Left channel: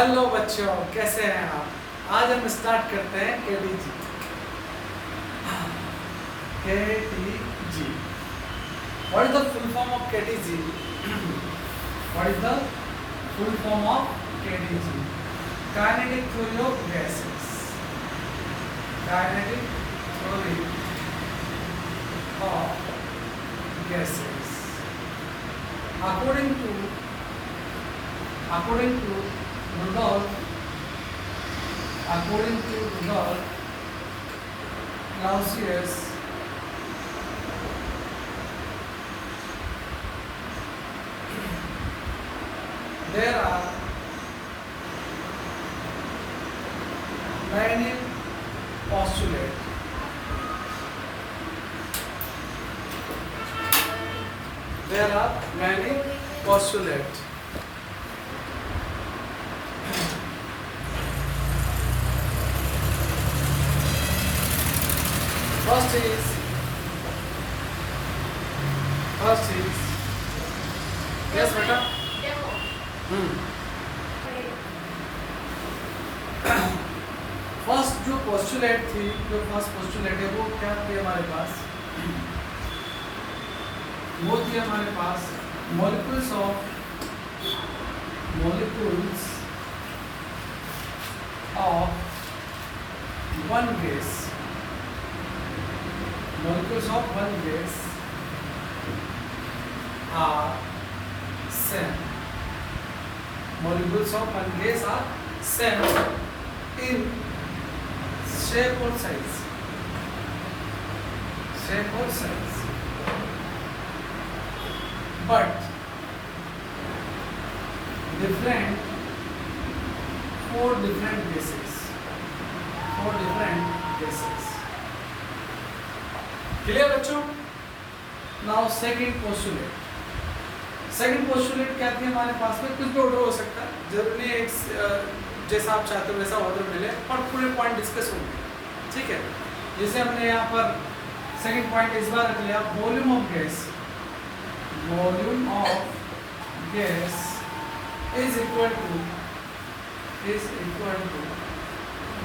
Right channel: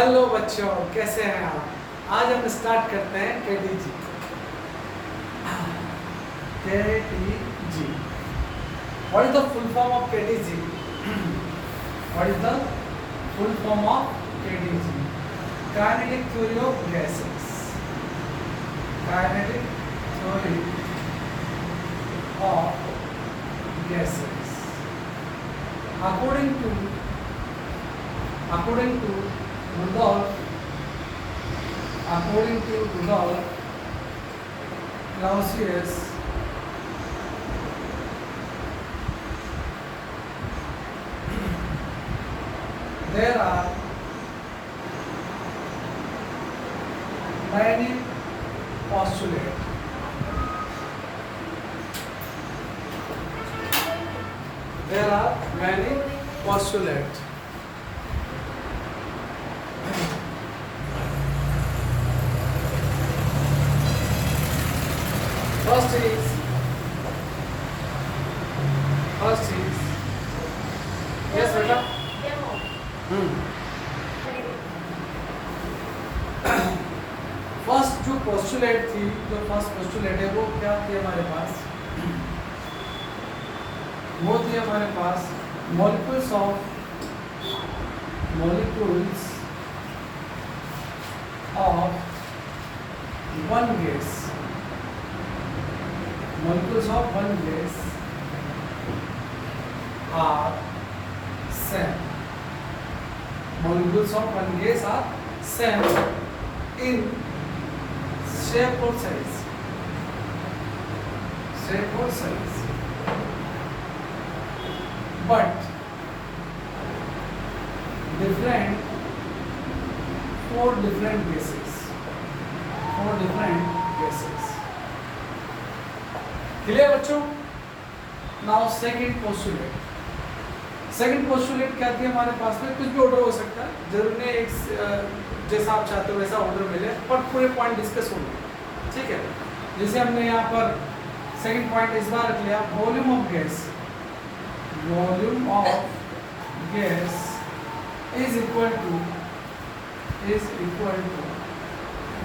Hello बच्चों, कैसे हैं आप? आज हम स्टार्ट करते हैं KTG. KTG, what is the full form of KTG? What is the full form of KTG? Kinetic theory of gases. Kinetic theory of gases. According to Rudolf Clausius, there are many postulates. There are many postulates. First is yes बेटा. First जो postulate थी, जो first postulate है वो क्या थी हमारे पास? वो थी हमारे पास molecules of one gas. Molecules of one gas are same. Molecules of one gas are same in shape or size. But four different gases. Clear बच्चों? Now second postulate क्या थी हमारे पास में? कुछ भी ऑर्डर हो सकता है, जरूरी नहीं एक जैसा आप चाहते हो वैसा ऑर्डर मिले, पर पूरे पॉइंट डिस्कस होंगे, ठीक है? जैसे हमने यहाँ पर सेकंड पॉइंट इस बार रख लिया, volume of gas is equal to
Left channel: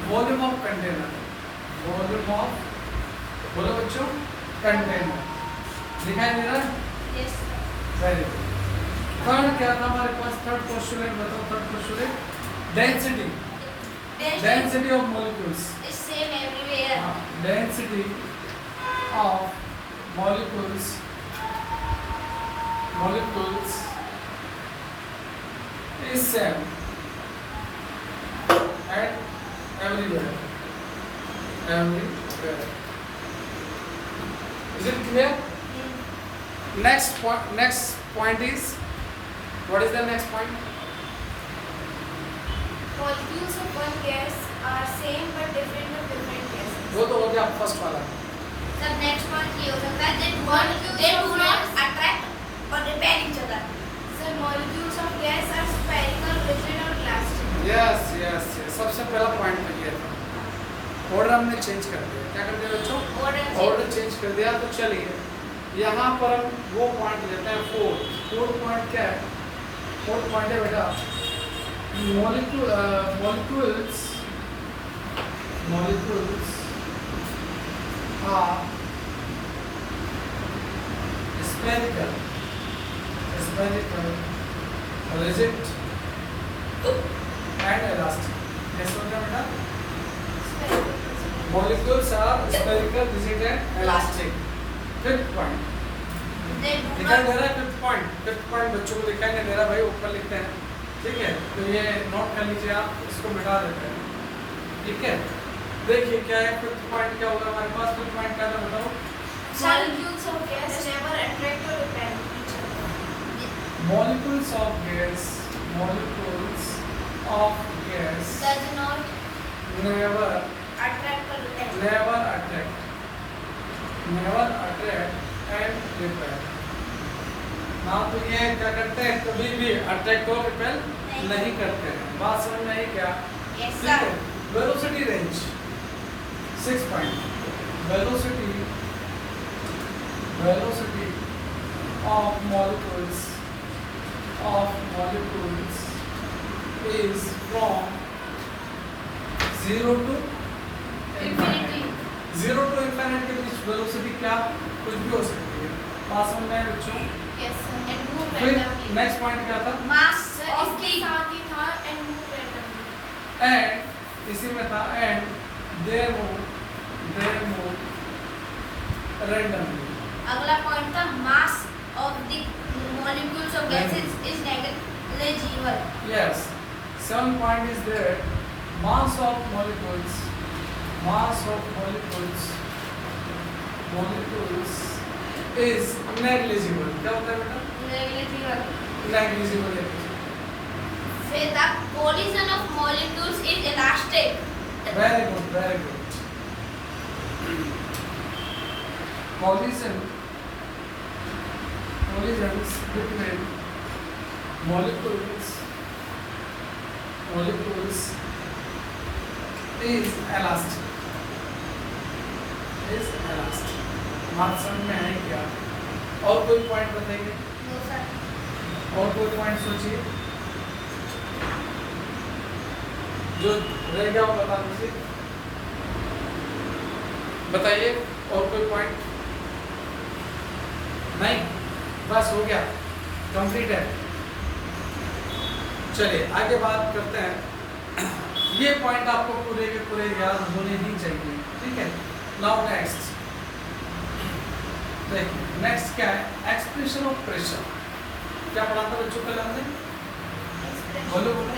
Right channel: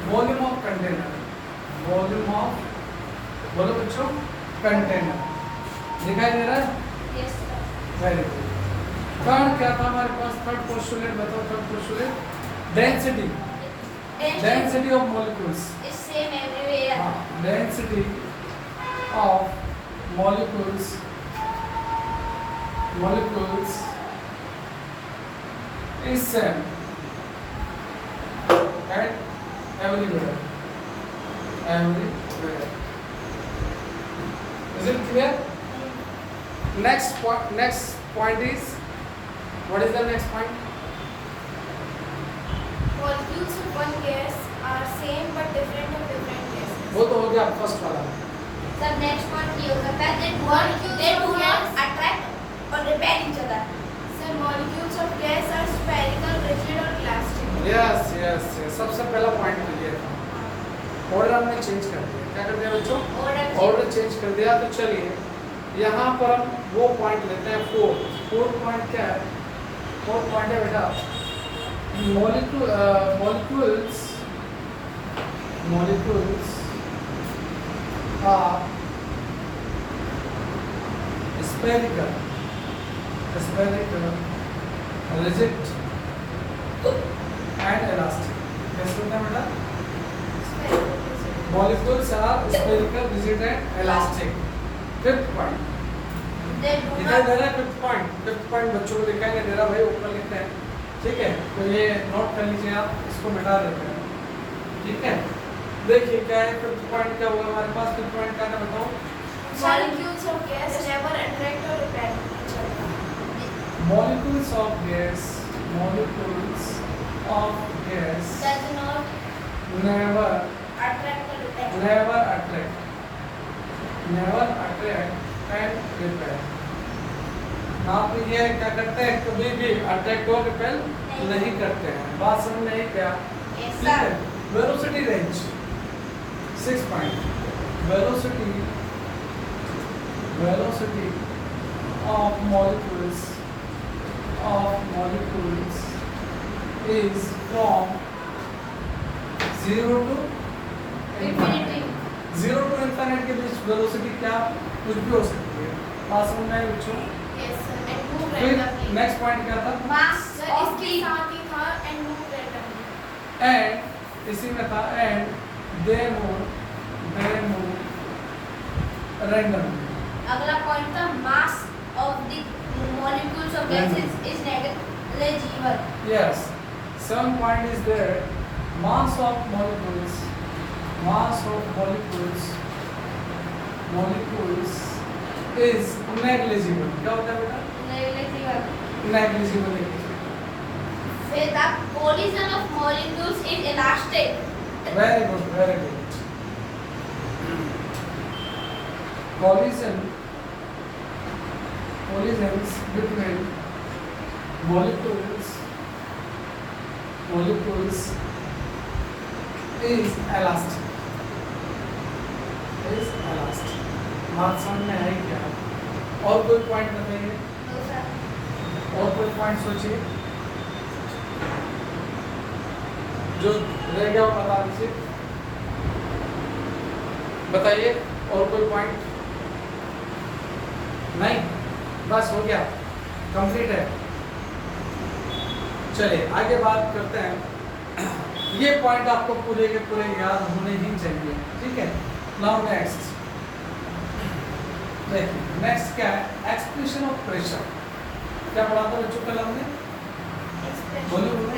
volume of container. बोलो बच्चों, कंटेनर दिखाई दे रहा है? Yes, sir. Very good. Third क्या था हमारे पास? थर्ड पोस्टुलेट बताओ. Third postulate density of molecules It's same everywhere. Density of molecules is same at everywhere. Is it clear? Next point is, what is the next point? Molecules of one gas are same but different of different gases. वो तो हो गया first वाला. The next point ये हो सकता है that molecules they do not attract or repel each other. So molecules of gas are spherical, rigid or elastic. Yes. सबसे पहला पॉइंट क्लियर था. ऑर्डर हमने चेंज कर दिया. क्या कर दिया बच्चों? ऑर्डर चेंज कर दिया. तो चलिए यहाँ पर हम वो पॉइंट लेते हैं. फोर्थ पॉइंट क्या है? फोर्थ पॉइंट है बेटा molecules are spherical, rigid and elastic. कैसे होता है बेटा? Molecules are spherical, rigid and elastic. Fifth point They do दिखाई not दे रहा है? फिफ्थ पॉइंट बच्चों को दिखाई नहीं दे रहा भाई, ऊपर लिखते हैं, ठीक है? तो ये नोट कर लीजिए आप, इसको मिटा देते हैं, ठीक है? देखिए क्या है फिफ्थ पॉइंट, क्या होगा हमारे पास? फिफ्थ पॉइंट क्या था बताओ? molecules of gas never attract or repel each other. Molecules of gas Does not never attract or repel. attract and repel. ना तो ये क्या करते हैं, कभी भी अट्रैक्ट और रिपेल नहीं करते हैं. बात समझ में आई क्या? Yes, ठीक है. sir. Velocity range 6 point. Velocity of molecules is from 0 to Infinity. 0 to infinite के बीच वेलोसिटी क्या कुछ भी हो सकती है। पास में मैं बच्चों Yes, sir. And move फिर randomly. नेक्स्ट पॉइंट क्या था Mass सर of इसके the साथ ही था एंड मूव रैंडमली. एंड इसी में था एंड दे मूव रैंडमली। अगला पॉइंट था mass of the molecules of gases is negligible. Yes, 7 point is there. Mass of molecules is negligible. क्या होता है बेटा? Negligible. Negligible. Say the collision of molecules is elastic. Very good, very good. Collisions between molecules is elastic. बात समझ में है क्या? और कोई पॉइंट बताइए, No, sir. और कोई पॉइंट सोचिए जो रहेगा वो बता दीजिए, बताइए और कोई पॉइंट नहीं, बस हो गया, कंप्लीट है। चलिए आगे बात करते हैं। ये पॉइंट आपको पूरे के पूरे याद होने ही चाहिए, ठीक है। नाउ नेक्स्ट देखिए, नेक्स्ट क्या है, एक्सप्रेशन ऑफ प्रेशर। क्या पढ़ा था बच्चों पहले हमने? बोलो बोलो।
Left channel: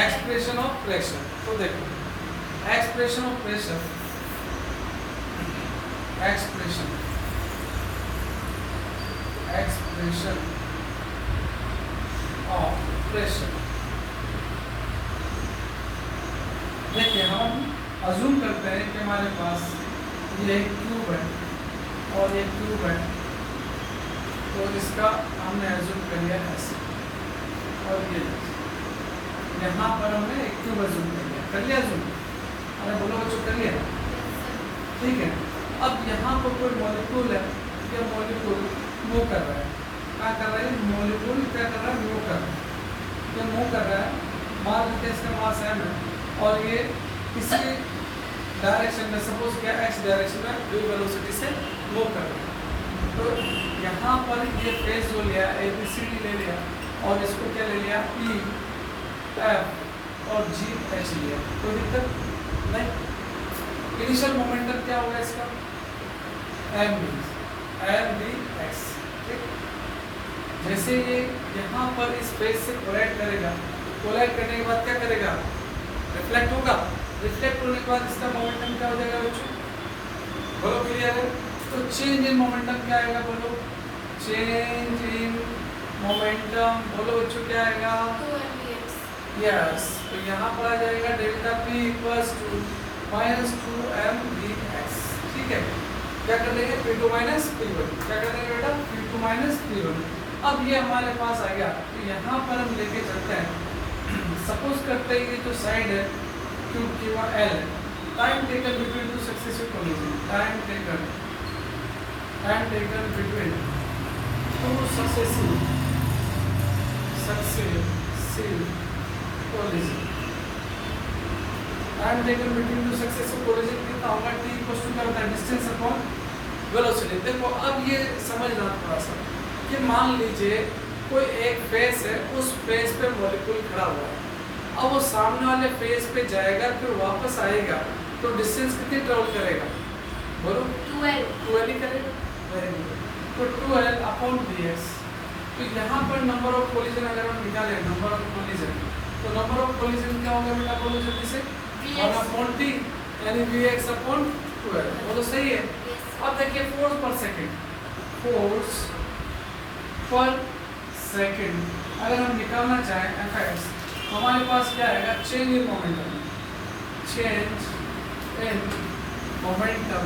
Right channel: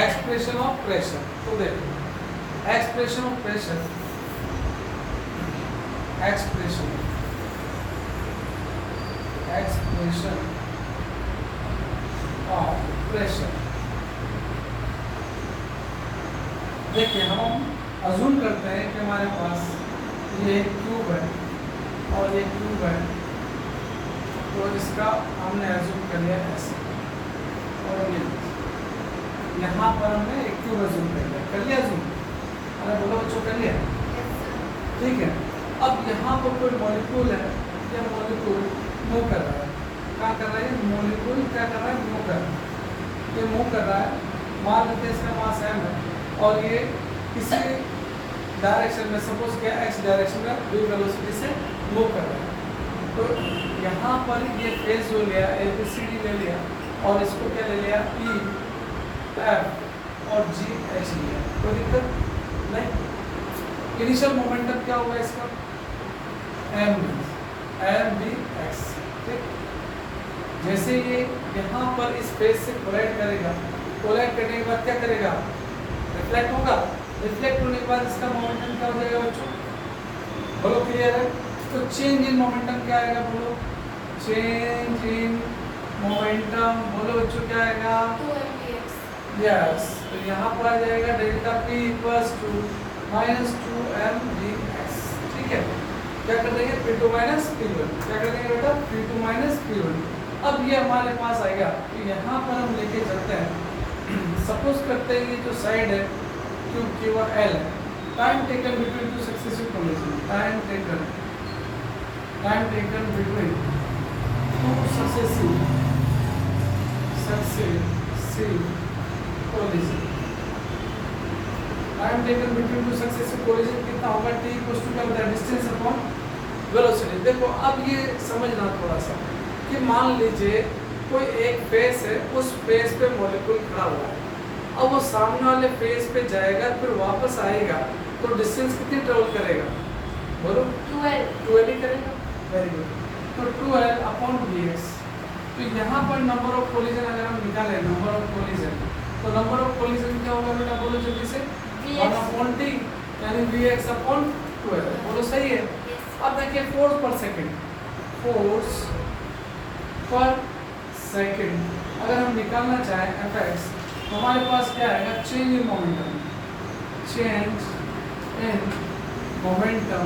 Expression of pressure. तो देखो expression of pressure, expression of pressure. देखिए हम अजूम करते हैं कि हमारे पास ये एक ट्यूब है और ये ट्यूब है, तो इसका हमने अजूम कर लिया ऐसे, और ये यहाँ पर हमने एक ट्यूब अजूम कर लिया अजूम। अरे बोलो बच्चों, कर लिया, ठीक है। अब यहाँ पर कोई मॉलिक्यूल है, या मॉलिक्यूल मूव कर रहा है, क्या कर रहा है मॉलिक्यूल, क्या कर रहा है मूव कर रहा है, ये मूव कर रहा है। मान लेते हैं इसका मास m है और ये किसी डायरेक्शन में, सपोज क्या एक्स डायरेक्शन में v वेलोसिटी से मूव कर रहा है। तो यहाँ पर ये फेज जो लिया ABCD ले लिया और इसको क्या ले लिया P F और G H लिया, कोई दिक्कत नहीं। इनिशियल मोमेंटम क्या होगा इसका mvx, ठीक। जैसे ये यहाँ पर इस फेज से कोलाइड करेगा, कोलाइड करने के बाद क्या करेगा, रिफ्लेक्ट होगा। रिफ्लेक्ट होने के बाद इसका मोमेंटम क्या हो जाएगा बच्चों, बोलो क्लियर है? तो चेंज इन मोमेंटम क्या आएगा, बोलो चेंज इन मोमेंटम, बोलो बच्चों क्या आएगा, 2mvx. यस। तो यहाँ पर आ जाएगा delta P equals to -2mvx, ठीक है। क्या कर देंगे P2 माइनस P1, क्या कर देंगे बेटा P2 माइनस P1। अब ये हमारे पास आएगा, तो यहाँ पर हम लेके चलते हैं। सपोज करते हैं ये जो साइड है क्यूब की वह L है, time taken between two successive collision, time taken between two successive collision, time taken between two successive collision कितना होगा, t इक्वल्स टू क्या होता है, डिस्टेंस अपॉन वेलोसिटी। देखो अब ये समझना थोड़ा सा कि मान लीजिए कोई एक फेस है, उस फेस पे मॉलिक्यूल खड़ा हुआ है, अब वो सामने वाले फेस पे जाएगा फिर वापस आएगा, तो डिस्टेंस कितनी ट्रेवल करेगा, बोलो 12 ही करेगा। Very good. तो 12 अपॉन vx। तो यहाँ पर नंबर ऑफ कोलिजन अगर हम निकालें, नंबर ऑफ कोलिजन, तो नंबर ऑफ कोलिजन क्या होगा बेटा, बोलो जल्दी से, 1 अपॉन t यानी vx अपॉन 12, बोलो सही है। अब देखिए फोर्स पर सेकंड, फोर्स पर सेकंड अगर हम निकालना चाहें fx, हमारे पास क्या आएगा, change in momentum, change in momentum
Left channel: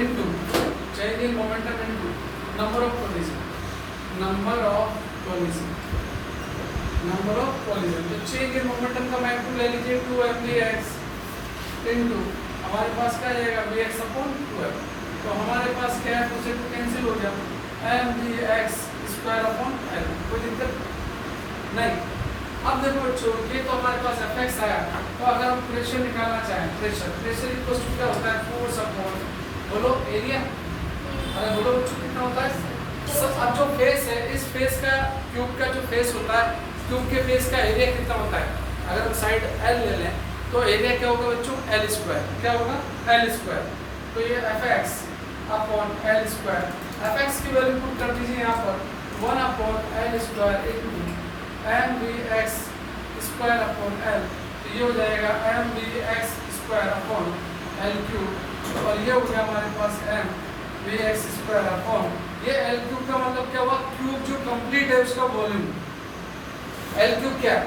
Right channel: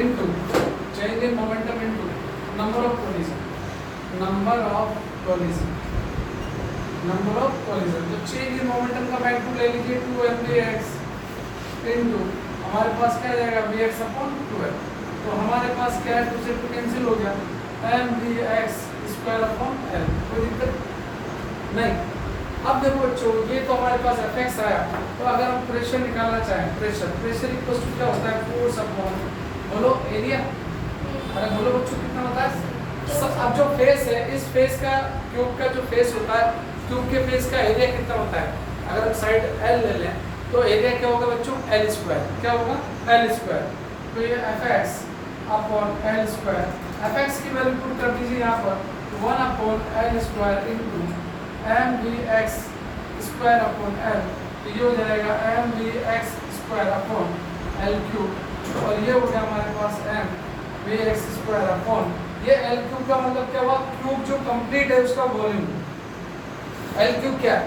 into change in momentum into number of collision, तो चेंज इन मोमेंटम का मैग्नीट्यूड ले लीजिए 2mvx इनटू हमारे पास क्या आ जाएगा vx अपॉन 12। तो हमारे पास क्या है, दूसरे को कैंसिल हो गया mvx स्क्वायर अपॉन l, कोई दिक्कत नहीं। अब देखो बच्चों, ये तो हमारे पास एफएक्स आया, तो अगर हम प्रेशर निकालना चाहें, प्रेशर इक्वल टू क्या होता है, फोर्स अपॉन, बोलो एरिया। अरे बोलो बच्चों कितना होता है। अब जो फेस है, इस फेस का, क्यूब का जो फेस होता है, क्यूब के फेस का एरिया कितना होता है। अगर हम साइड एल ले लें तो एरिया क्या होगा बच्चों, एल स्क्वायर। क्या होगा, एल स्क्वायर। तो ये FX upon L square, FX की वैल्यू पुट कर दीजिए यहाँ पर 1 upon L square into M V X square upon L. तो ये हो जाएगा M V X square upon L cube, और ये हो गया हमारे पास M V X square upon, ये एल क्यूब का मतलब क्या हुआ, क्यूब जो कंप्लीट है उसका वॉल्यूम। एल क्यूब क्या,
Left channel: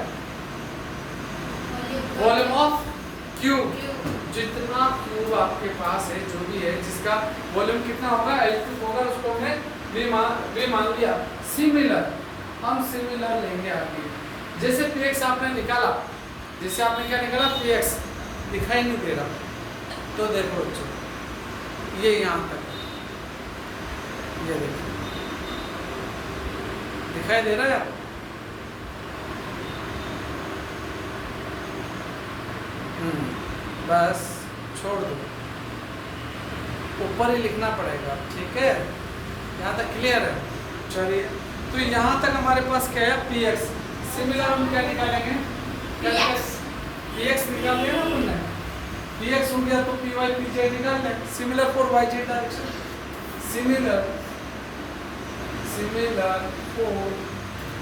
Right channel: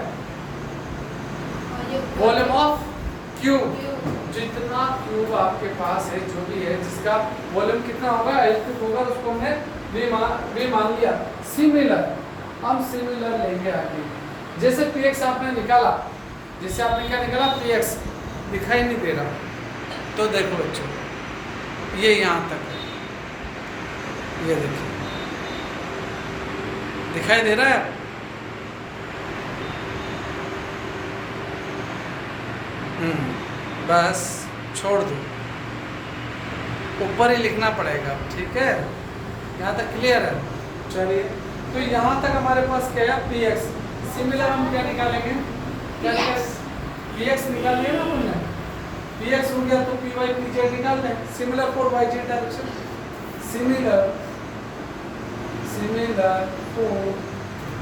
वॉल्यूम ऑफ क्यूब। जितना क्यूब आपके पास है, जो भी है, जिसका वॉल्यूम कितना होगा, एल क्यूब होगा, उसको हमने वी मान लिया। सिमिलर, हम सिमिलर लेंगे आगे। जैसे पीएक्स आपने निकाला, जैसे आपने क्या निकाला, पीएक्स दिखाई नहीं दे रहा, तो देखो बच्चों, ये यहाँ तक, ये देखिए दिखाई दे रहा है। बस छोड़ दो, ऊपर ही लिखना पड़ेगा, ठीक है। यहाँ तक क्लियर है। चलिए, तो यहाँ तक हमारे पास क्या है, पी एक्स। सिमिलर हम क्या निकालेंगे, पी एक्स निकाल लिया ना तुमने, पी एक्स हो गया तो पी वाई पी जेड निकाल लें। Similar for Y Z direction, similar for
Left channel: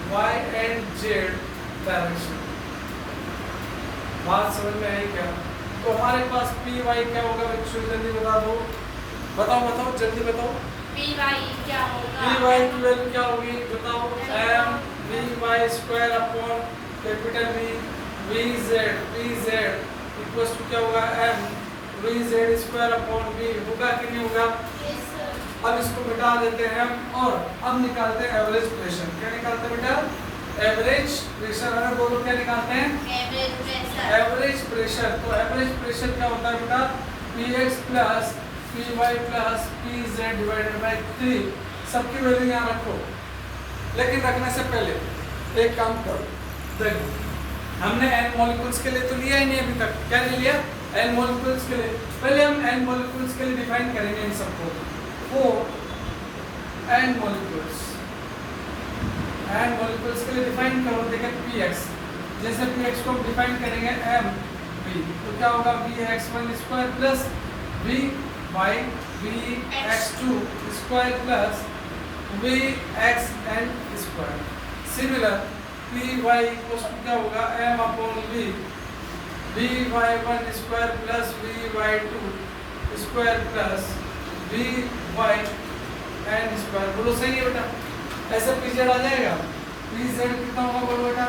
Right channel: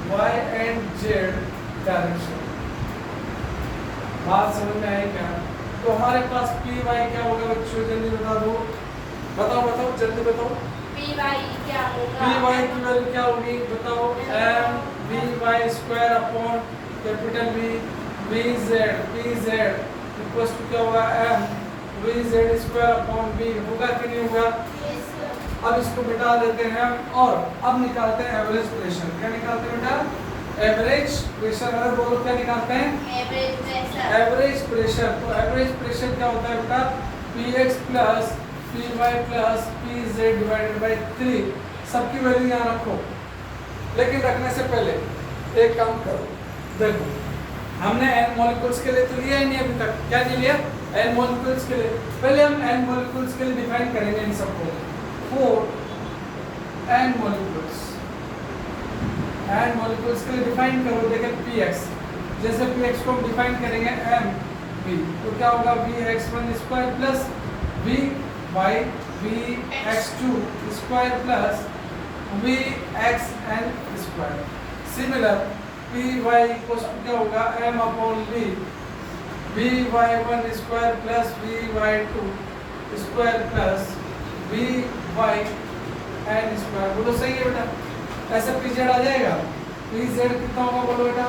Y and Z direction. बात समझ में आई क्या। तो हमारे पास पी वाई क्या होगा बच्चों, जल्दी बता दो, बताओ जल्दी बताओ। पी वाई क्या होगा, पी वाई की वैल्यू क्या होगी बताओ, M V Y square upon capital V Z equals to क्या होगा, M V Z square upon V. होगा कि नहीं होगा। अब इसको मिटा देते हैं हम, और अब निकालते हैं एवरेज प्रेशर। क्या निकालते हैं बेटा, एवरेज प्रेशर। अरे बोलो क्या निकालते हैं, एवरेज प्रेशर। तो एवरेज प्रेशर क्या होता है बेटा, P X plus P Y plus P Z divided by 3। सबकी वैल्यू यहाँ रखो, लेकिन रखने से पहले एक काम करो, देखो हमने एन मॉलिक्यूल्स के लिए तो लिया ही नहीं अभी तक। क्या नहीं लिया, एन मॉलिक्यूल्स के लिए। पहले हम एन मॉलिक्यूल्स के लिए डिफाइन करेंगे इन सबको। 4 एन मॉलिक्यूल्स, एन मॉलिक्यूल्स के लिए डिफाइन करो। देखिए पी एक्स, जैसे पी एक्स को डिफाइन करेंगे एम वी, तो क्या होगा, V X one square plus V Y V X two square plus V X N square. Similar P Y को क्या होगा, M upon V Y one square plus V Y two square plus V Y N square. बोलो सही है बेटा, ऐसा P Z आ जाएगा। P Z कितना होगा बोलो बेटा,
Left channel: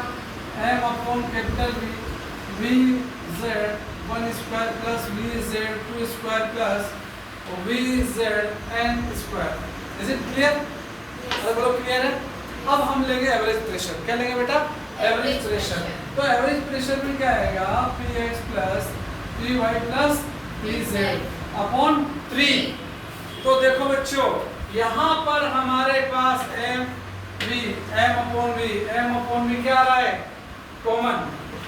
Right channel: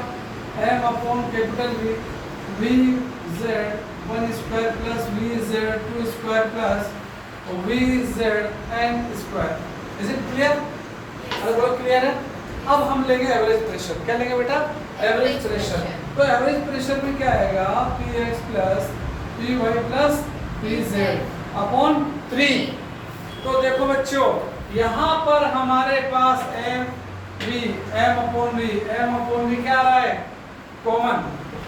M upon capital V Z one square plus V Z two square plus V Z N square. Is it clear. अरे बोलो क्लियर है। अब हम लेंगे एवरेज प्रेशर। क्या लेंगे बेटा, एवरेज प्रेशर। तो एवरेज प्रेशर में क्या आएगा, P X plus P Y plus P Z upon 3। तो देखो बच्चों, यहाँ पर हमारे पास एम अपॉन वी क्या आ रहा है, कॉमन।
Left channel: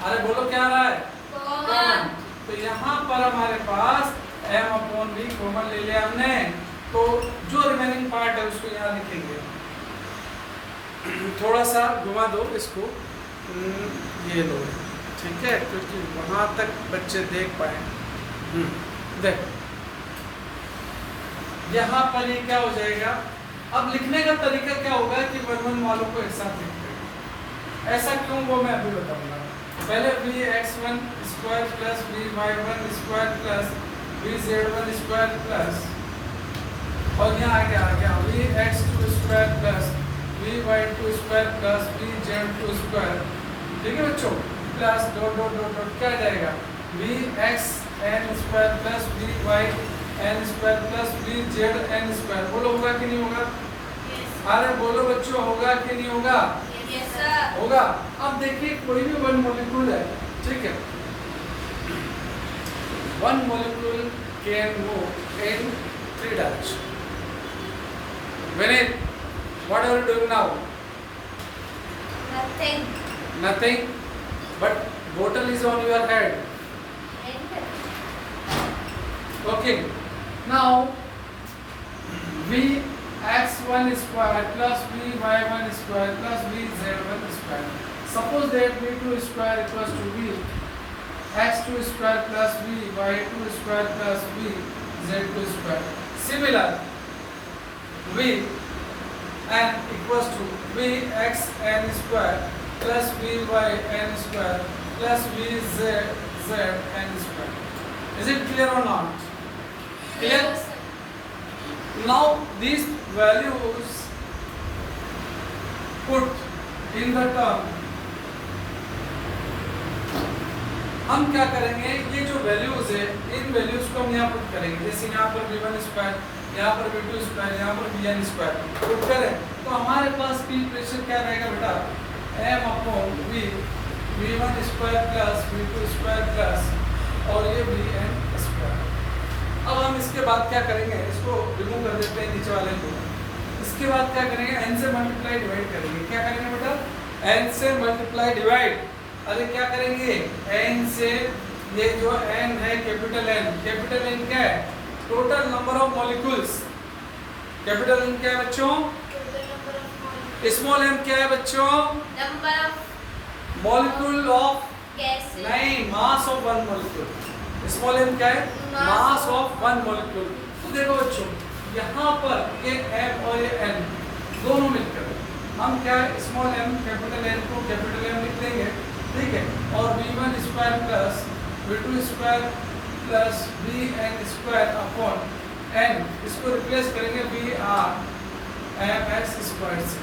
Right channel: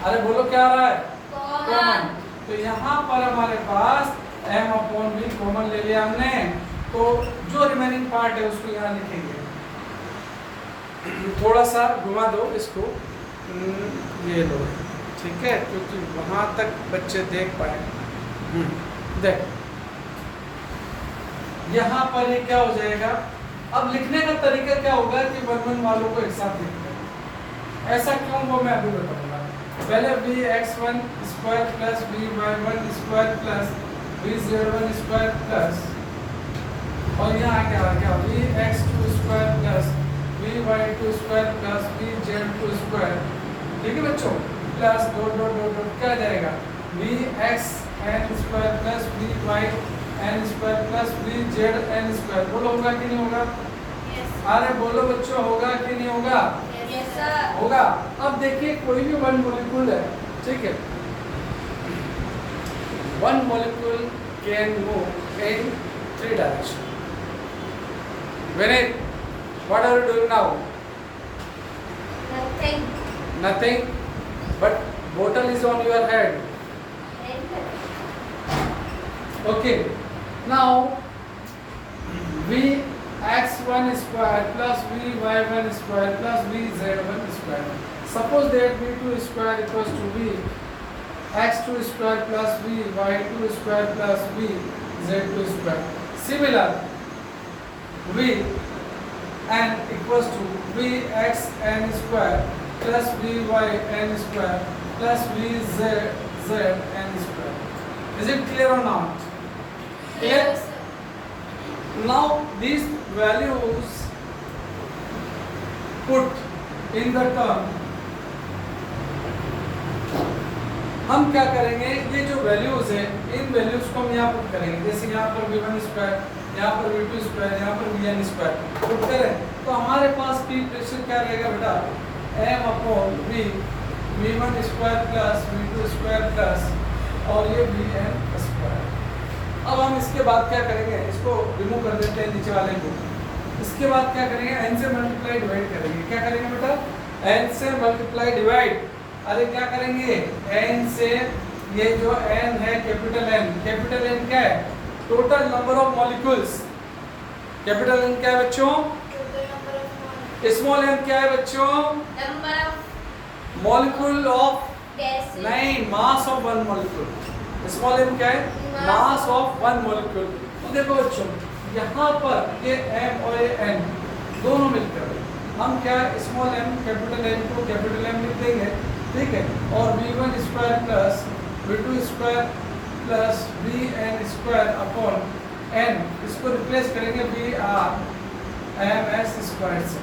अरे बोलो क्या आ रहा है, कॉमन। तो यहाँ पर हमारे पास एम अपॉन वी कॉमन ले लिया हमने, तो जो रिमेनिंग पार्ट है उसको यहाँ लिखेंगे। थोड़ा सा घुमा दो इसको, ये लो, ठीक है, क्योंकि वहाँ तक बच्चे देख पाए। देख यहाँ पर ये क्या हो जाएगा। अब लिखने का तरीका क्या होगा कि वर्णन वालों को एक साथ लिखते हैं। ऐसा क्यों, वो मैं अभी बताऊंगा। पहले V X one square plus V Y one square plus V Z one square plus, और यहाँ क्या आ गया, V X two square plus V Y two square plus V Z two square. ठीक है बच्चों, plus dot dot dot dot क्या जाएगा, V X N square plus V Y N square plus V Z N square. बोलो होगा कि नहीं होगा। अरे बोलो बच्चों, होगा कि नहीं होगा। होगा। अब देखिए कोई भी वन मॉलिक्यूल है, ठीक है, one molecule can move in 3 direction. Vinit, what are you doing now? Nothing. Nothing. but bottle is on your head. Okay, now Vx1 square plus Vy1 square plus Vz1 square. Suppose that V2 square equals to Vx2 square plus Vy2 square plus Vz2 square. Similar, Vn equals to Vxn square plus Vyn square plus Vzn square. Is it clear or not? Clear? Now these values put in the term, हम क्या करेंगे, ये जो values है इन values को हम यहाँ put करेंगे. जैसे यहाँ पर v1 स्क्वायर, यहाँ पर v2 स्क्वायर, यहाँ पर vn स्क्वायर पुट करें तो हमारे पास पी प्रेशर क्या रहेगा बेटा, m upon v v1 square plus v2 square plus और ये vn स्क्वायर. अब हम इसके बाद क्या करेंगे, इसको रिमूव कर देते हैं नीचे वाले को. इसके बाद क्या करेंगे, n से मल्टीप्लाई डिवाइड करेंगे. क्या करेंगे बेटा, n से मल्टीप्लाई डिवाइड. अरे क्या करेंगे, n से, ये जो n है कैपिटल N क्या है, total number of molecules. Capital N क्या है बच्चों, स्मॉल m क्या है बच्चों, number of molecule of, gas, नहीं, mass of one molecule. Small m क्या है, मास ऑफ वन मॉलिक्यूल. तो देखो बच्चों यहाँ पर ये m और ये n दोनों मिलकर हम क्या, स्मॉल m कैपिटल N को कैपिटल M लिख देंगे, ठीक है, और v1 square plus v2 square plus vn square upon n, इसको रिप्लेस करेंगे Vrms स्क्वायर से.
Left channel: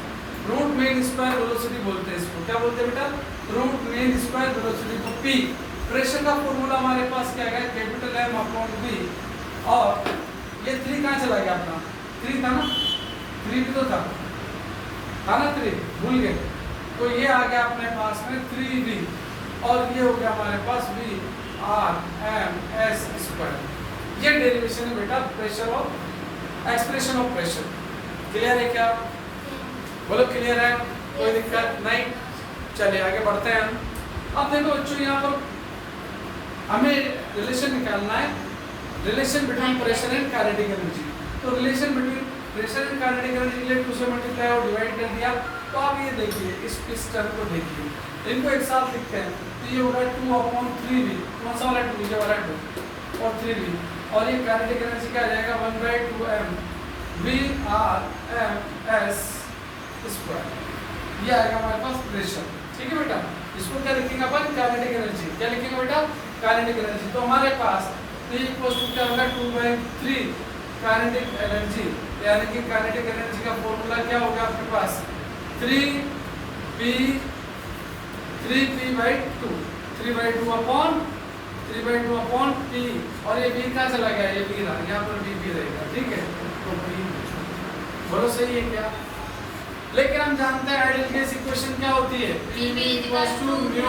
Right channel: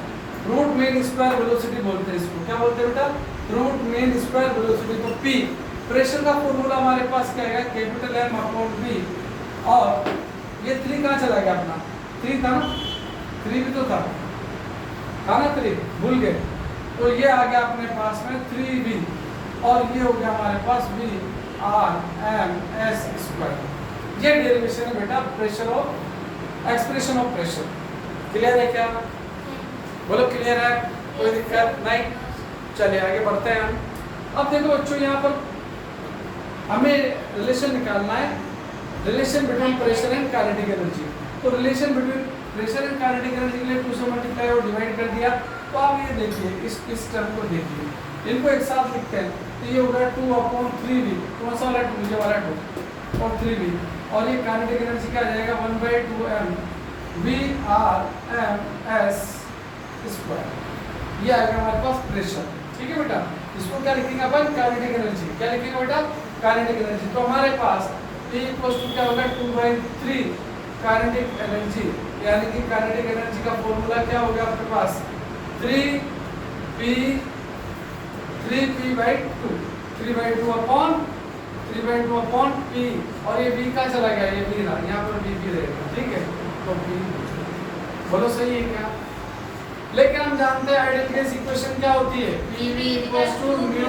रूट मीन स्क्वायर वेलोसिटी बोलते हैं इसको. क्या बोलते हैं बेटा, रूट मीन स्क्वायर वेलोसिटी को p. प्रेशर का फॉर्मूला हमारे पास क्या है, कैपिटल M अपॉन v. और ये 3 कहाँ चला गया अपना, 3 था ना, 3 भी तो था ना, 3 भूल गए. तो ये आ गया अपने पास में 3v और ये हो गया हमारे पास Vrms स्क्वायर. ये डेरिवेशन है बेटा प्रेशर और एक्सप्रेशन ऑफ प्रेशर. क्लियर है क्या, बोलो क्लियर है, कोई दिक्कत नहीं. चलिए आगे बढ़ते हैं हम. अब देखो बच्चों यहाँ पर हमें रिलेशन निकालना है, relation between pressure and kinetic energy. तो relation between pressure and kinetic energy के लिए 2 से मल्टीप्लाई और डिवाइड कर दिया. तो आप ये देखिए, इस टर्म को देखिए, इनको एक साथ लिखते हैं. तो ये होगा 2 अपॉन 3v, कौन सा वाला 2, ये वाला 2 और 3v. और ये काइनेटिक एनर्जी क्या आ जाएगा, 1/2m Vrms स्क्वायर. ये आएगा हमारे पास प्रेशर. ठीक है बेटा, इसको क्या लिखेंगे अपन, काइनेटिक एनर्जी. क्या लिखेंगे बेटा, काइनेटिक एनर्जी. तो हमारे पास P इक्वल्स टू क्या होगा, 2/3 काइनेटिक एनर्जी. यानी कि काइनेटिक एनर्जी का फॉर्मूला क्या होगा आपके पास, 3p/2 3/2 अपॉन P. और ये v कहाँ चला गया, ये v ना, यहाँ पर v रहेगा. ठीक है, तो v बोलो सही है क्या. लेकिन हम जानते हैं आइडियल गैस इक्वेशन क्या होती है, PV =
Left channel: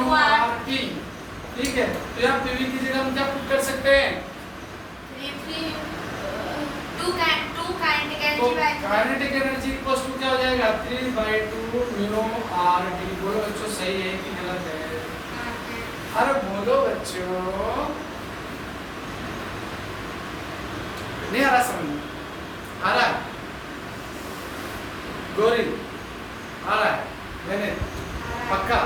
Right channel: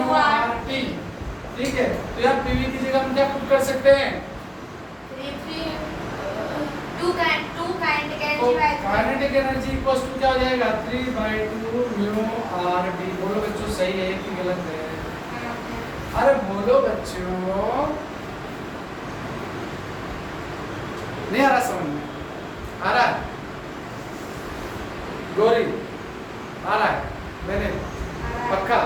μRT. ठीक है, तो यहाँ PV की जगह हम क्या पुट कर सकते हैं, काइनेटिक एनर्जी इक्वल्स टू क्या हो जाएगा, 3/2 μRT. बोलो बच्चों सही है कि गलत है, अरे बोलो बच्चों, नहीं आ रहा समझ में, आ रहा है गौरी, आ रहा है मैंने पक्का.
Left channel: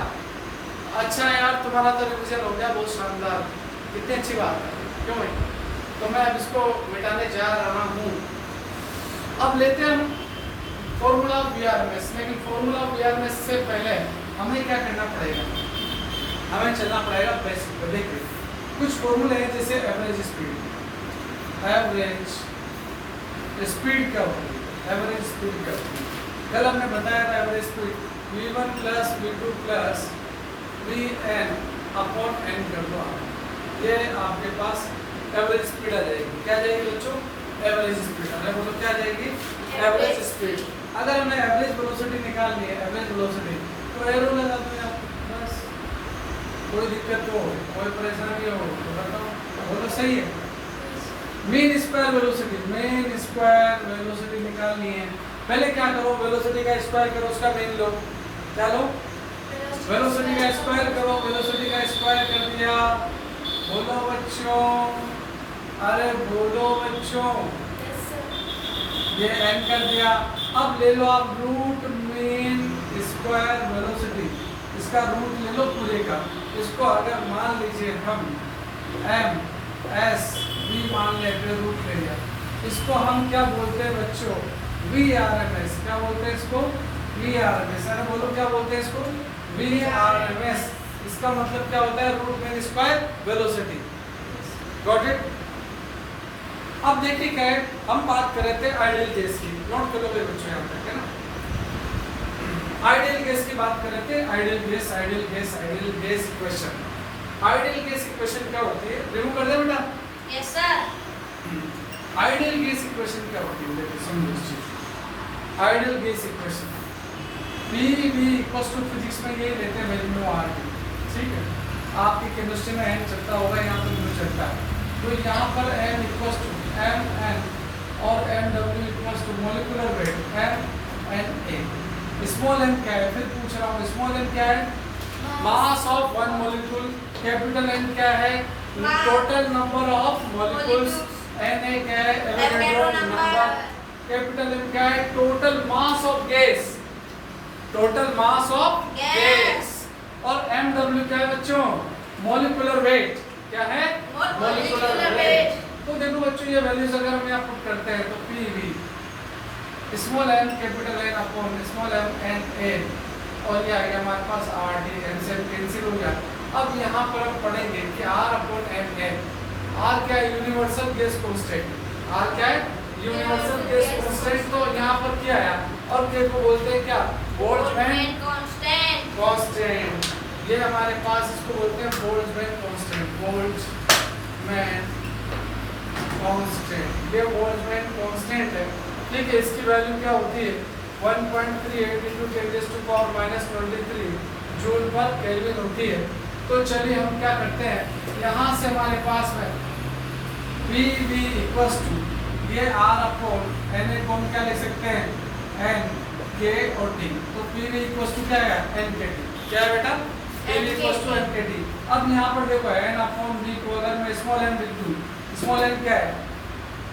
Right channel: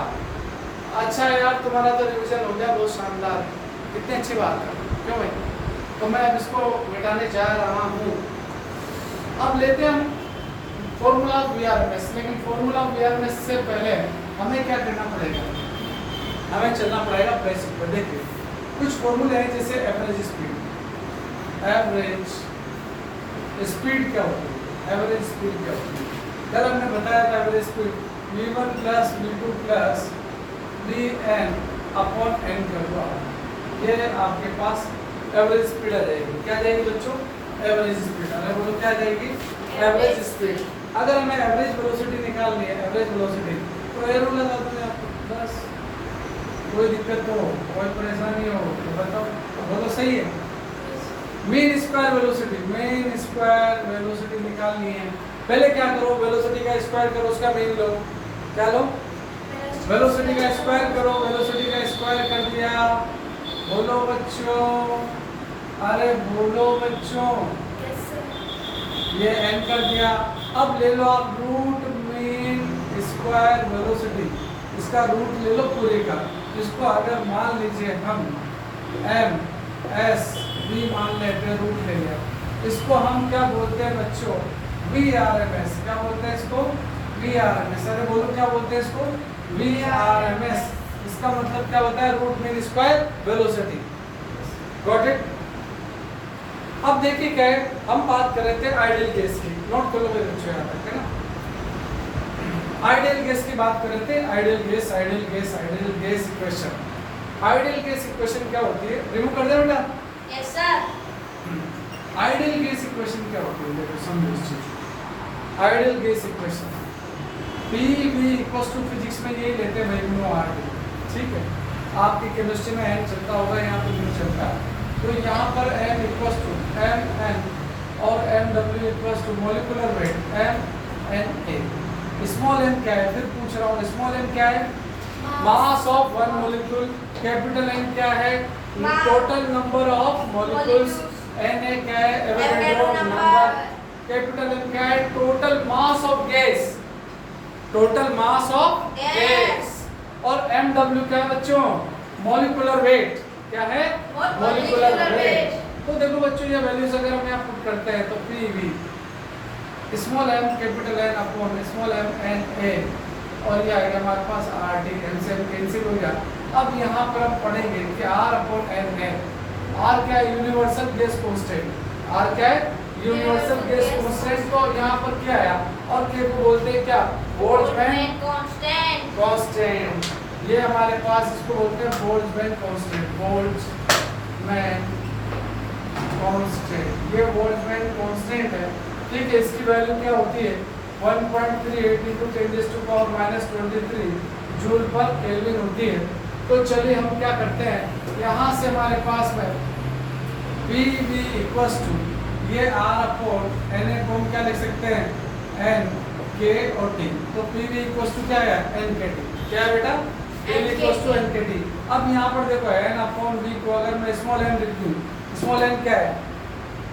अच्छा यार तुम्हारा तो रिविजन हो गया, बहुत शानदार, कितनी अच्छी बात है. क्यों भाई, तो मैं अब इसको मिटाने जा रहा हूँ. अब लेते हैं हम फॉर्मूला ऑफ Vrms. लेकिन फॉर्मूला ऑफ Vrms से पहले हमें क्या करना पड़ेगा, हमें चलना पड़ेगा बेसिक पर. देखिए कुछ फॉर्मूले हैं, जैसे एवरेज स्पीड. एवरेज स्पीड क्या होती है, एवरेज स्पीड क्या होती है, कल हमने बताया था. Average speed v1 plus v2 plus vn upon n कर दो. ये आपके पास एवरेज स्पीड आ जाएगी. क्या जाएगी बच्चों, एवरेज स्पीड. अगर बोलो क्या जाएगी, एवरेज स्पीड. अगर हमें एवरेज वेलोसिटी निकालनी है, एवरेज वेलोसिटी, तो एरो लगा दो यार, बस. कोई दिक्कत हो, कोई परेशानी हो तो बताओ, बोलो सही है. मीन स्क्वायर वेलोसिटी निकालनी है. पहले क्या करो, वेलोसिटी का स्क्वायर करो, उसका मीन लो. क्या लो, वेलोसिटी का स्क्वायर करो, वेलोसिटी का स्क्वायर कर दिया। बोलो बच्चों, अरे बोलो बच्चों, Yes, sir. ये n कर दिया। अब ले लो आप रूट मीन स्क्वायर वेलोसिटी, इसका रूट ले लो पूरे का। इसको अगर मान लीजिए हम m s v मान लेते, रूट ले लिया, इसको हम क्या बोलते हैं बच्चों, VRMS। क्या बोलते हैं इसको? VRMS। अरे बोलो क्या बोलते हैं इसको? VRMS। इसका मतलब क्या होता है? Root mean square velocity. Got it? अब देखिए क्या है, हम बात कर रहे थे आइडियल केस की, नोट करोगे बच्चों यहाँ तक, है ना? आइडियल केस की बात कर रहे थे, ideal gas, ideal gas, ideal gas equation. Ideal gas equation क्या होती है? रिमूव कर दे बेटा। Yes, sir. Ideal gas equation क्या होती है? देखो समझो इस चीज को। Ideal gas equation PV equals to, physics में ये लेते हैं वैल्यू RT, ठीक है? आपकी केमिस्ट्री में n चलता होगा, यहाँ पर म्यू चलता है। तो यहाँ पर n इक्वल्स टू mn और mw equals to molecular weight mNA। Small m क्या है? फिर पूछ रहा हूँ, स्मॉल m क्या है? मास of one molecule. Capital N क्या है? Total number of molecules. Na क्या है? Avogadro number. कैपिटल M क्या है? Total mass of gas, total mass of gas. और mw क्या है बच्चों? Molecular weight. क्या है? Molecular weight. तो देखो बच्चों, ये वैल्यूज अगर हम यहाँ पुट करते हैं तो PV small m capital N upon small m Na, और ये आ गया हमारे पास RT, LCM कैंसिल हो गया। अब यहाँ पर हम पढ़ेंगे कि R अपॉन mN। R क्या है? Universal gas constant. R क्या है? Universal gas constant. तो यहाँ पर क्या है? और K को बोलते हैं क्या? Boltzmann Constant. कांस्टेंट। ये हमारे पास इसको बोलते हैं बोल्ट्जमैन कांस्टेंट। बोल्ट्जमैन कांस्टेंट, ये बोल्ट्जमैन कांस्टेंट है, ठीक है? इसकी वैल्यू क्या होती है? 1.38 × 10⁻⁻23 जूल पर केल्विन होती है। तो चलिए हम क्या करते हैं, यहाँ से हमारे पास में PV इक्वल्स टू, ये R अपॉन Na को हम क्या लिख सकते हैं? N K और T। तो PV इक्वल्स टू क्या है? NKT। क्या है बेटा? PV equals to NKT। अब यहाँ पर देखो N अपॉन V को अगर मैं स्मॉल n लिख दूँ, स्मॉल n क्या है?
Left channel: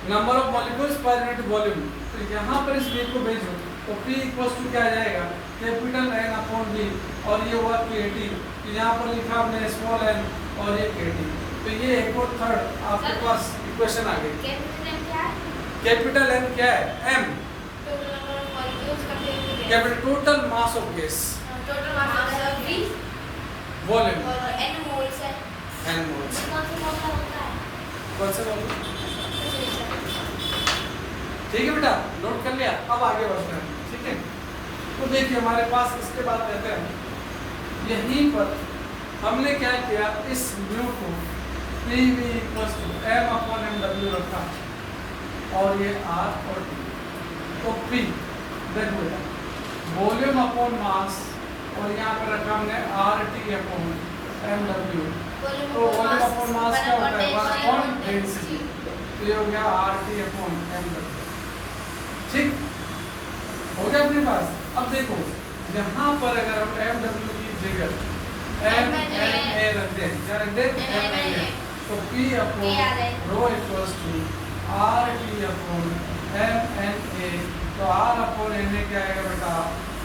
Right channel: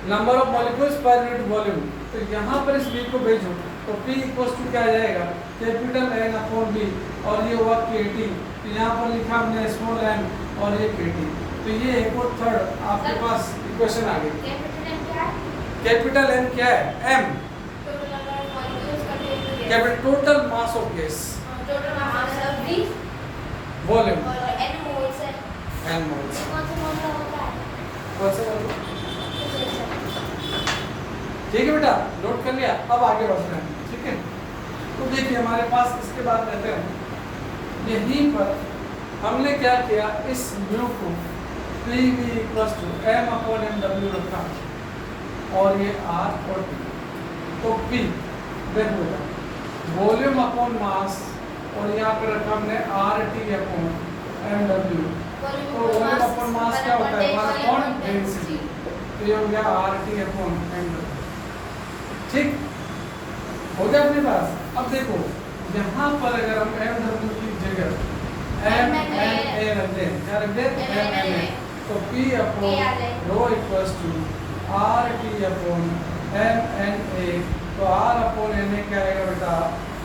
Number of molecules per unit volume. तो यहाँ पर इस V को भेजो तो P इक्वल्स टू क्या आ जाएगा? कैपिटल N अपॉन V, और ये हुआ KT। तो यहाँ पर लिखा हमने स्मॉल n और ये KT। तो ये एक और थर्ड आपके पास इक्वेशन आ गई। कैपिटल N क्या है? M। Total number of molecules contained in gas. Capital total mass of gas, Total mass of V volume, और N moles है। n moles. कौन सा मोल होता है? कौन सा वॉल्यूम? ठीक है बेटा, नोट कर लिया। अब आगे बढ़ते हैं, ठीक है? तो देखिए हमारे पास इसके बाद कहते हैं, यहीं पर हमने क्या किया, इस म्यू को PV equals to m upon mw रखा, और ये R और T। तो P देखो बेटा, वॉल्यूम अपॉन मास, और यहाँ पर रखा हमने RT अपॉन mw। तो वॉल्यूम अपॉन मास क्या होता है? 1 अपॉन डेंसिटी। तो ये हो गया RT अपॉन mw। ठीक हो गया अपने पास। अब देखो यहाँ पर अगर हम mw की जगह mNA रखते हैं, क्या रखते हैं? mNA। तो P upon rho equals to RT upon mNA। तो R अपॉन Na क्या आएगा बेटा?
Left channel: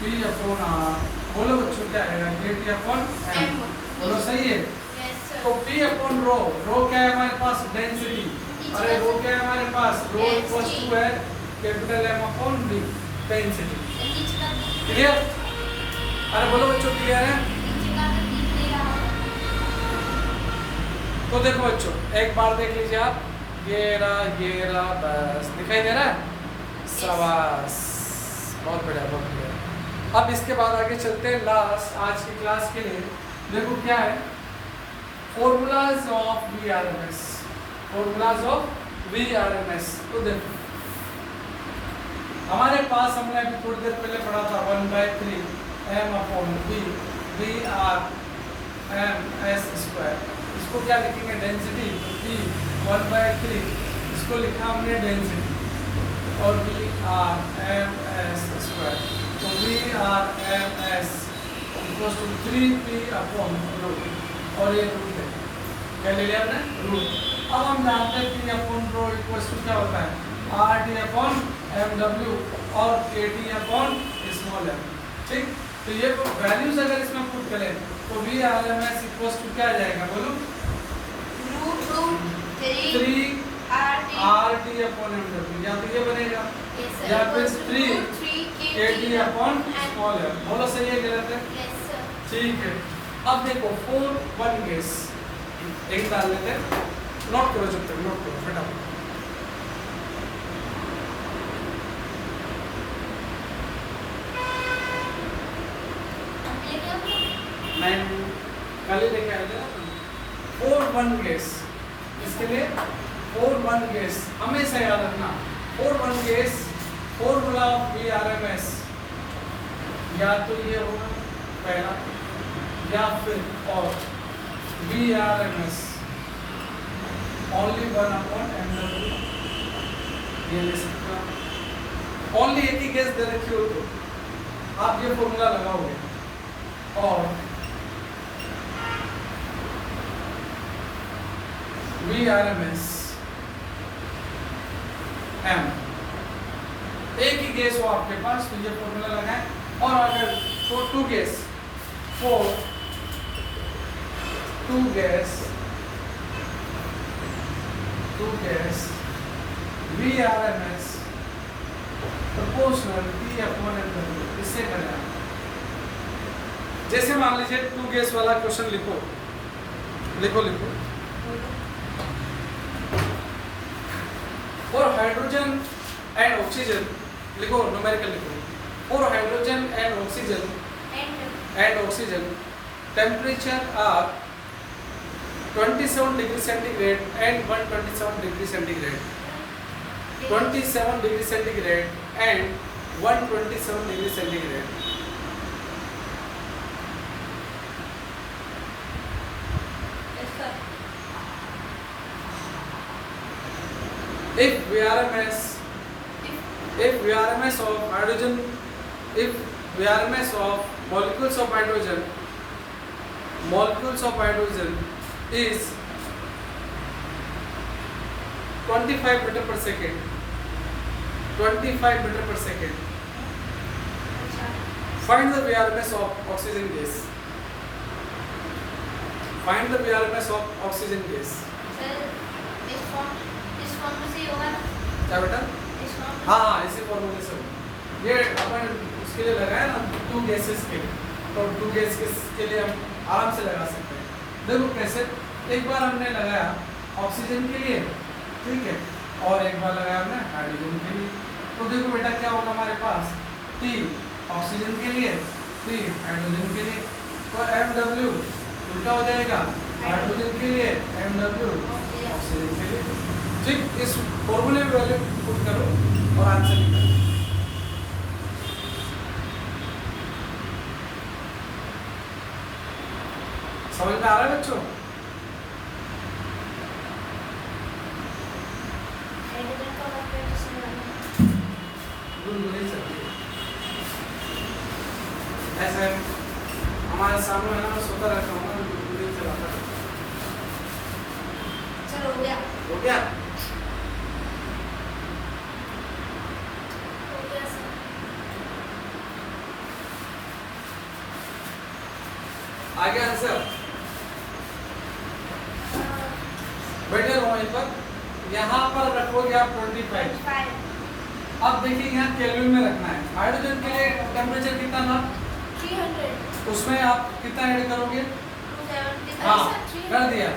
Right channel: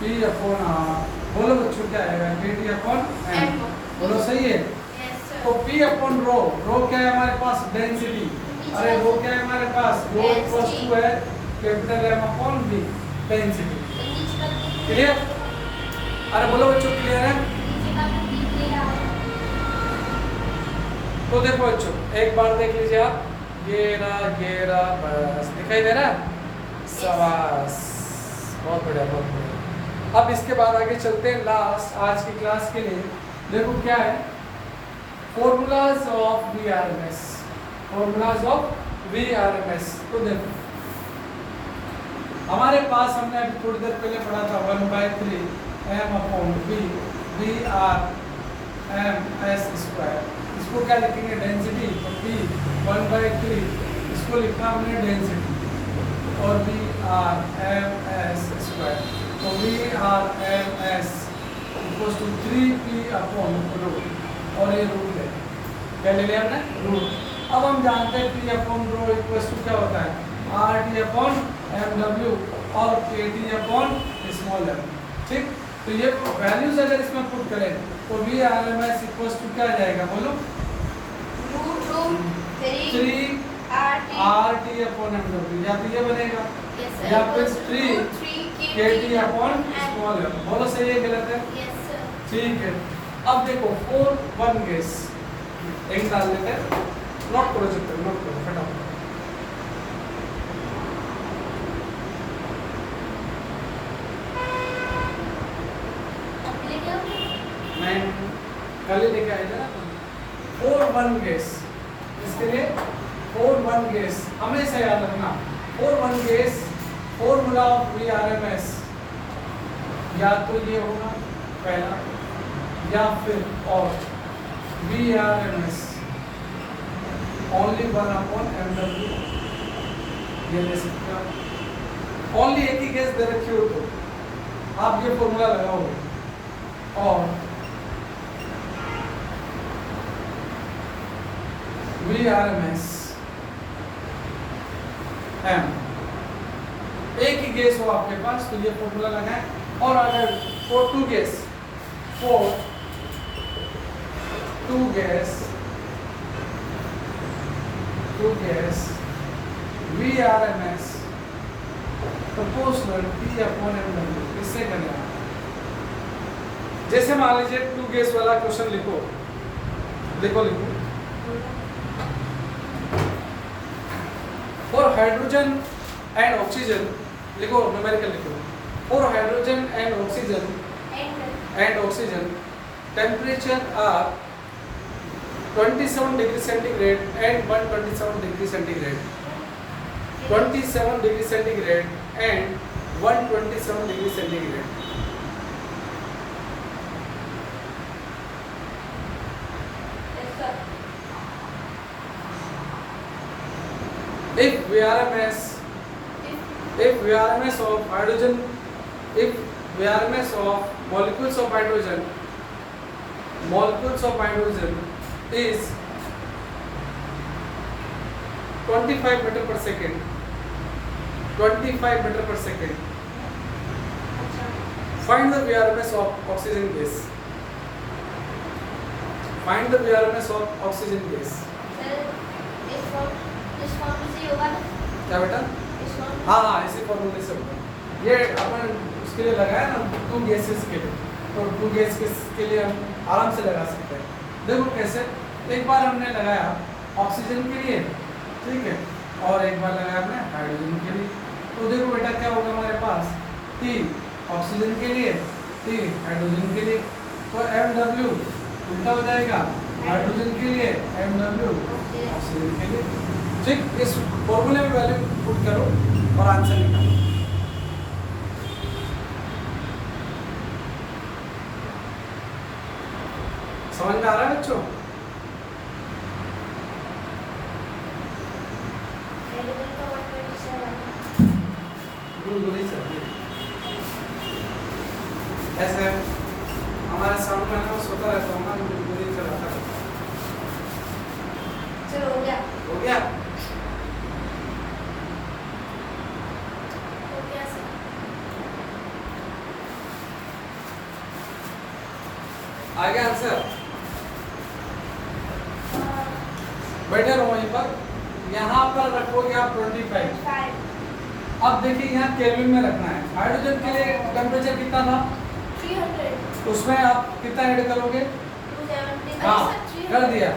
P upon R। बोलो बच्चों क्या आएगा? KT upon M। बोलो सही है? तो P अपॉन रो, रो क्या है हमारे पास? डेंसिटी। अरे रो क्या है हमारे पास? रो इक्वल्स टू है capital M upon V, density. Clear? अरे बोलो बच्चों क्लियर है? तो देखो बच्चों एक बार देख लीजिए आप, ये रहा बस, दिखाई दे रहा है? शाबाश, बहुत बढ़िया, बहुत बढ़िया। अब इसके बाद आगे चलते हैं लास्ट आज की क्लास के लिए। देखो क्या है? Formulas of VRMS। Formulas of VRMS। तो देखो हमारे पास हमने अभी थोड़ी देर पहले पढ़ा था 1/3 m upon V VRMS square. इसको क्या लिखेंगे? डेंसिटी। तो V 1/3, इसको लिखा हमने डेंसिटी, और VRMS स्क्वायर। तो VRMS equals to 3p upon root, और ये रूट है, क्या ले लिया हमने, रूट। अब हम जानते हैं p upon rho equals to क्या होता है, RT अपॉन MW और KT अपॉन स्मॉल m, ठीक। तो ये वैल्यूज अगर इसमें पुट करें तो VRMS इक्वल्स टू क्या आ जाएगा, बोलो, √3 RT अपॉन MW, या तो ये बनेगा Yes sir. या फिर Equals to 3 √3 KT upon and- small m, बोलो सही है गलत है, Yes sir. ठीक है। अब देखो 4 1 गेस एक डाल लेते हैं, नोट करो, चुप करो, नोट करो फटाफट। Complete किया? नहीं, कल ही लेके आए थे ना 4 1 गेस, इसके लिए 4 1 गेस हमेशा याद रखना। 4 1 गेस फॉर्मूला ऑफ VRMS या तो ये होगा पहला, या फिर और VRMS ओनली 1 अपॉन MW, ये ले सकते हो। ओनली एक ही केस दे रखी हो तो आप ये फॉर्मूला लगाओगे, और VRMS M एक ही केस हो आपके पास तो ये फॉर्मूला लगाएं, और अगर for 2 case, for 2 gas VRMS proportional P upon MW, इससे करेगा। जैसे मान लीजिए 2 गैस वाला क्वेश्चन लिखो, फॉर हाइड्रोजन एंड ऑक्सीजन, लिखो न्यूमेरिकल लिखो, for hydrogen and oxygen temperature are 27 degree centigrade and 127 degree centigrade, 27 degree centigrade and 127 degree centigrade. Yes sir. If VRMS of hydrogen, if VRMS of molecules of hydrogen is 25 meter per second, 25 meter per second, find the VRMS of oxygen gas. Find the VRMS of oxygen gas. Sir, इस form से ही होगा ना? क्या बेटा? इस form हाँ, इसी फॉर्मूले से होगा। ये अपन उसके लिए लगाया ना 2 गैसेस के, तो 2 गैस के लिए हम आराम से लगा सकते हैं। देखो कैसे, एक बार हमने लगाया ऑक्सीजन के लिए, ठीक है, और एक बार लगाया हमने हाइड्रोजन के लिए। तो देखो बेटा क्या होगा हमारे पास, T ऑक्सीजन के लिए, T हाइड्रोजन के लिए, तो MW उल्टा हो जाएगा, हाइड्रोजन के लिए MW ऑक्सीजन के लिए। ठीक, इस फॉर्मूले में वैल्यू पुट करो और आंसर निकालो। समझ में आ रहा है बच्चों? ऐसे हमारे सामने वाला सोता रहता है, मन बुरी चलाता है। चलो हो गया। हो गया? हो गया सर। आ गया आंसर? बैठे रहो वहीं पर, यहाँ पर रखोगे आप 25। 5 अब देखिए यहाँ केल्विन में रखना है। हाइड्रोजन के लिए टेम्परेचर कितना था? 300 उसमें आप कितना ऐड करोगे? 270 हाँ, कर दिया।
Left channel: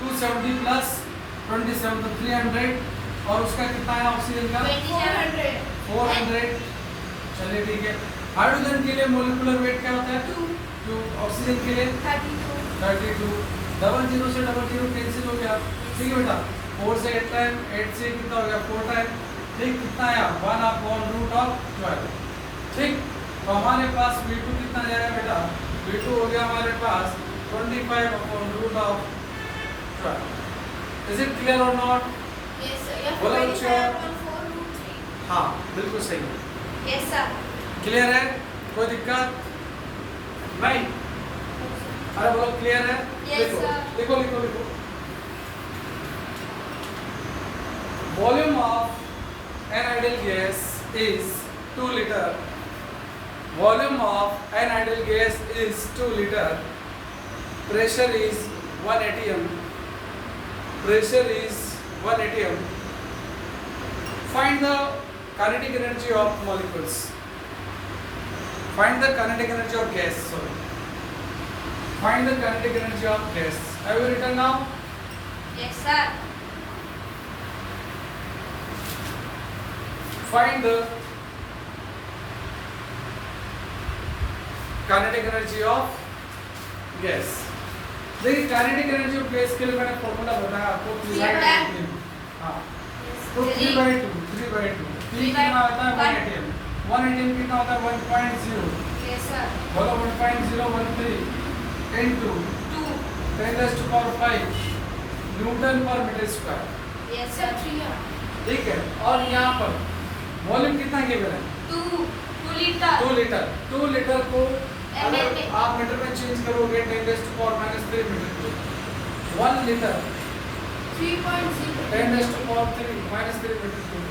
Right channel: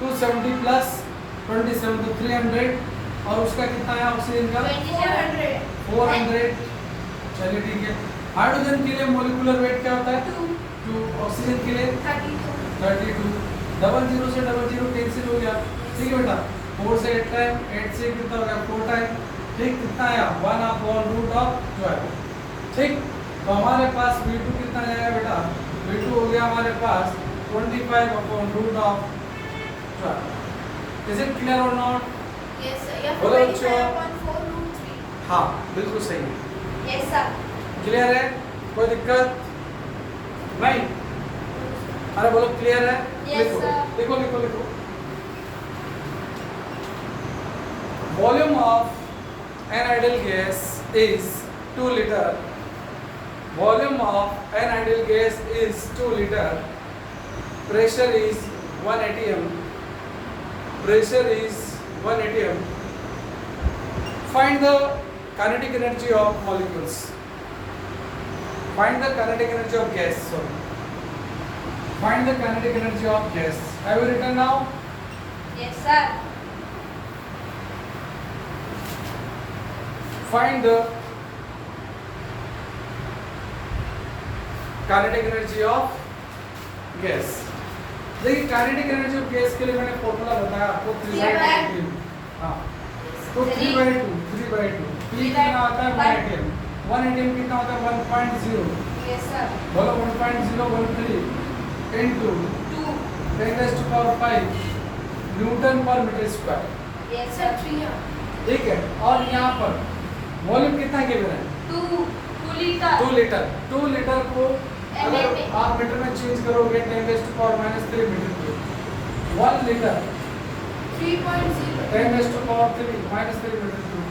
270 प्लस 27 तो 300, और उसका कितना है ऑक्सीजन का? 400। चलिए ठीक है। हाइड्रोजन के लिए मोलिकुलर वेट क्या होता है? 2। ऑक्सीजन के लिए 32। डबल जीरो से डबल जीरो कैंसिल हो गया, ठीक है बेटा। 4 से 8 टाइम, 8 से कितना हो गया? 4 टाइम। ठीक, कितना आया? 1/√12। ठीक, तो हमारे पास V2 कितना जाएगा बेटा? V2 हो गया हमारे पास 25/√12। इज इट क्लियर और नॉट? Yes sir. या बोलो बच्चों। 25/4√3। हाँ, बिल्कुल सही है। Yes sir. क्लियर है? कोई दिक्कत नहीं? अरे बोलो क्लियर है? Yes, लिखो sir. लिखो लिखो लिखो। Volume of an ideal gas is 2 liter. Volume of an ideal gas is 2 liter. Pressure is 1 atm. Pressure is 1 atm. Find the kinetic energy of molecules. Find the kinetic energy of gas. Sorry. Find the kinetic energy of gas. Have you written now? Yes, sir. Find the kinetic energy of gas. देखिए kinetic energy of gas के लिए मैंने formula बताया आपको 3/2। हाँ, तो 3/2 P कितना आता है 1 atm। 1 atm कितना होता है 1.0। Yes, sir. बोलो 1.013 into 2. 10⁵ न्यूटन पर मीटर स्क्वायर। Yes, sir. 3. ठीक है, और यहाँ पर वॉल्यूम कितना गिवन है 2 liter. 2 लीटर। 2 लीटर को अगर ML आप मीटर में चेंज करोगे 10⁻³ मीटर को 1 litre 3.0. 10⁻³ -3 metre cube.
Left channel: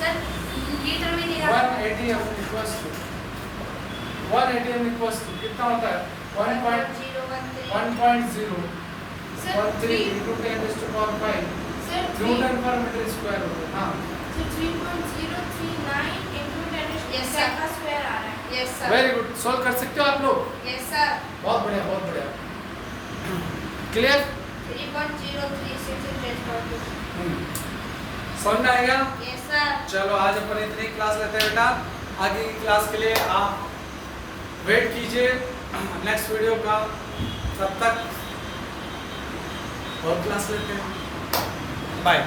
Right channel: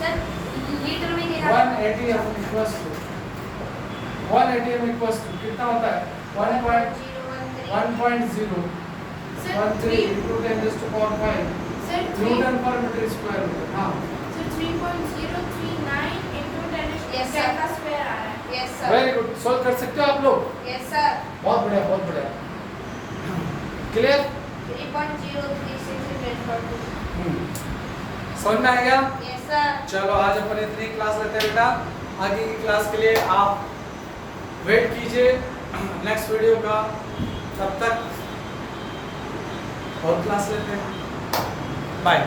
Sir, liter में नहीं आता। 1 atm equals to 1 atm equals to कितना होता है 1.013 Sir, 3. into 10⁻⁵ Sir, 3. न्यूटन पर मीटर स्क्वायर होगा। हाँ, Sir, 3.039 into 10 Yes, sir. का स्क्वायर आ रहा है। Yes, sir. Very good. Solve कर सकते हो आप लोग? Yes, sir. बहुत बढ़िया, बहुत बढ़िया। क्लियर? 3.036 into 10⁻². समझ में आएगा? Yes, sir. चलो आज अपन इतनी क्लास लेते हैं बेटा। आगे की क्लास के लिए आप वेट कीजिए नेक्स्ट वीडियो का। तब तक और क्लास लेते हैं। बाय।